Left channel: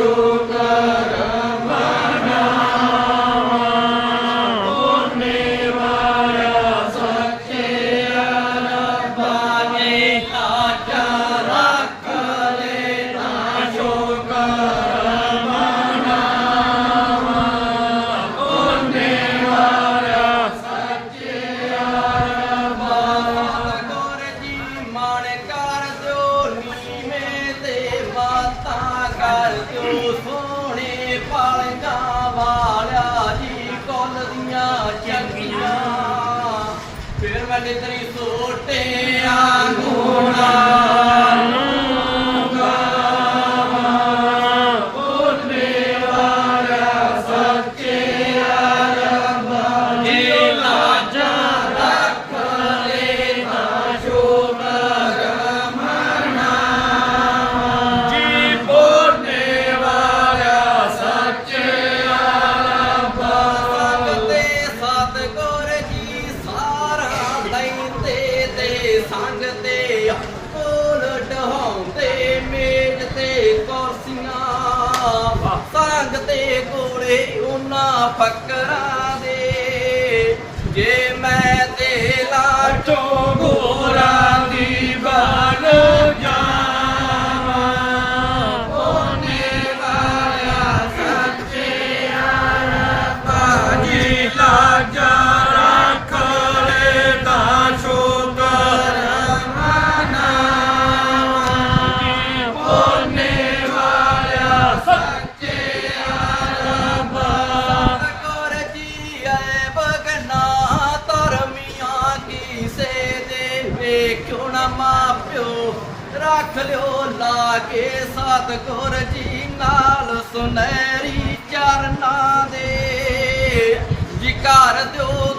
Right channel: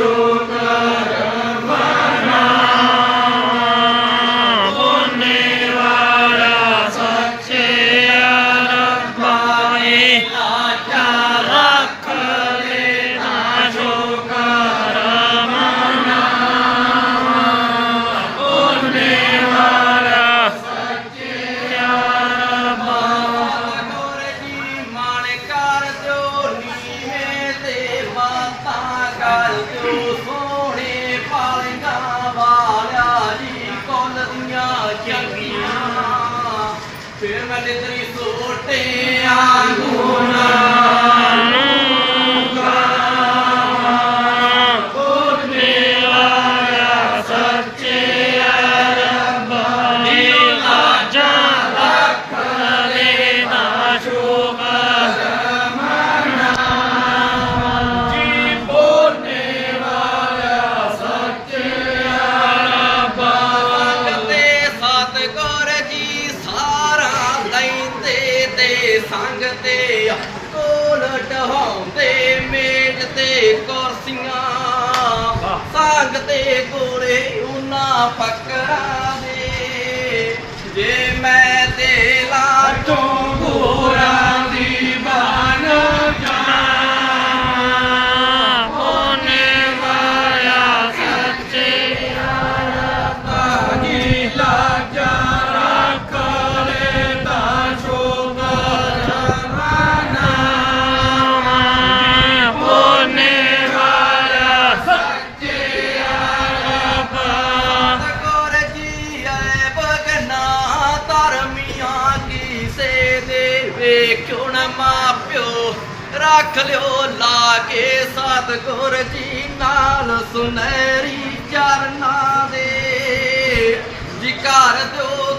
Lord. ਫਿਰ ਸੋਟੇ ਆਂਗੂਣਾ। ਦੇ ਤੇ ਕੋਲੇ ਉਹਨਾਂ ਫਕਰਾਂ ਦੇ। ਜੇ ਦੇ ਵੇਖਿਓ ਨਾ ਮਾਪਿਓ? ਰੱਖ ਲਿਓ ਲਾਗੇ ਸਤਿਗੁਰ ਜੀ ਨਾਲ ਸੁਨਹਿਰੀ ਚਰਨਾਂ ਦੇ। ਜੀ ਕਰ ਦਿਓ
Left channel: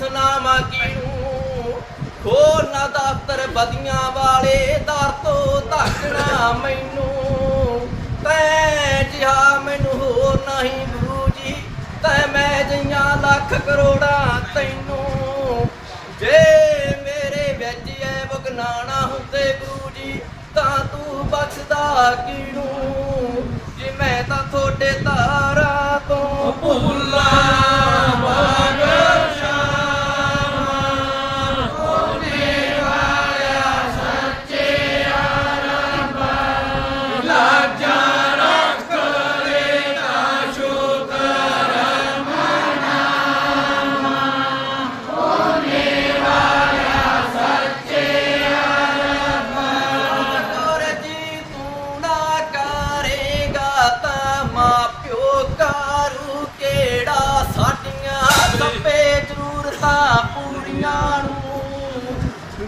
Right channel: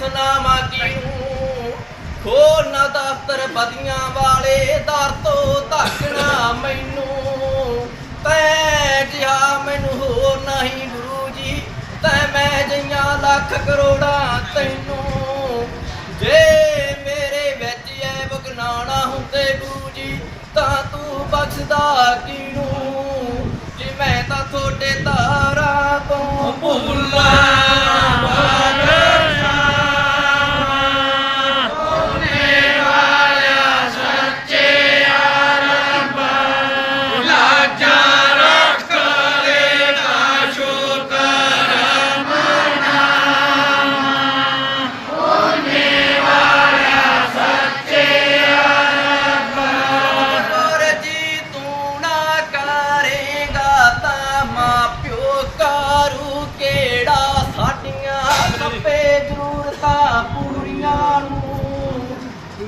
ਮੈਂ ਆਖ ਸੁਨਾਵਾਂ ਕਿਨੂੰ ਨਾ ਦਫ਼ਤਰ ਬਦੀਆਂ ਵਾਲੇ, ਦਰ ਤੋਂ ਧੱਕਣਾ ਮੈਨੂੰ। ਤੈ ਜਿਹਾ ਮੈਨੂੰ ਹੋਰ ਨਹੀਂ ਗੁਰੂ ਜੀ। ਤੈ ਮੈਂ ਜਈਆਂ ਲੱਖ ਕਰੋੜਾਂ ਤੈਨੂੰ। ਜੇ ਮੇਰੇ ਵਿੱਚ ਐ ਬਗਨਾਣਾ ਹੁੰਦੇ ਗੁਰੂ ਜੀ, ਤਾਂ ਤੂੰ ਬਖਸ਼ਦਾ ਕਿਨੂੰ? ਸੱਪੇ ਜ਼ਰੂਰਤਾਂ ਪੂਰੀਆਂ ਨੂੰ।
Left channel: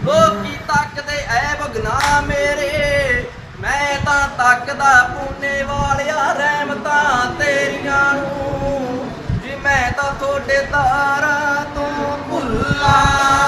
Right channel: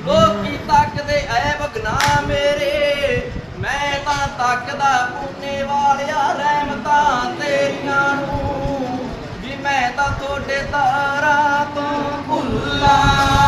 ਲੋਕੀ ਤੱਕਦੇ, ਐ ਬਗਨਾ ਮੇਰੇ। ਮੈਂ ਤਾਂ ਤੱਕਦਾ ਪੂਨੇ ਵਾਲਿਆ ਰਹਿਮਤਾਂ ਤੇਰੀਆਂ ਨੂੰ। ਜੀ ਮੈਂ ਤਾਂ ਤੁਹਾਡੇ ਤਾਰਾਂ ਤੋਂ ਭੁੱਲਾ।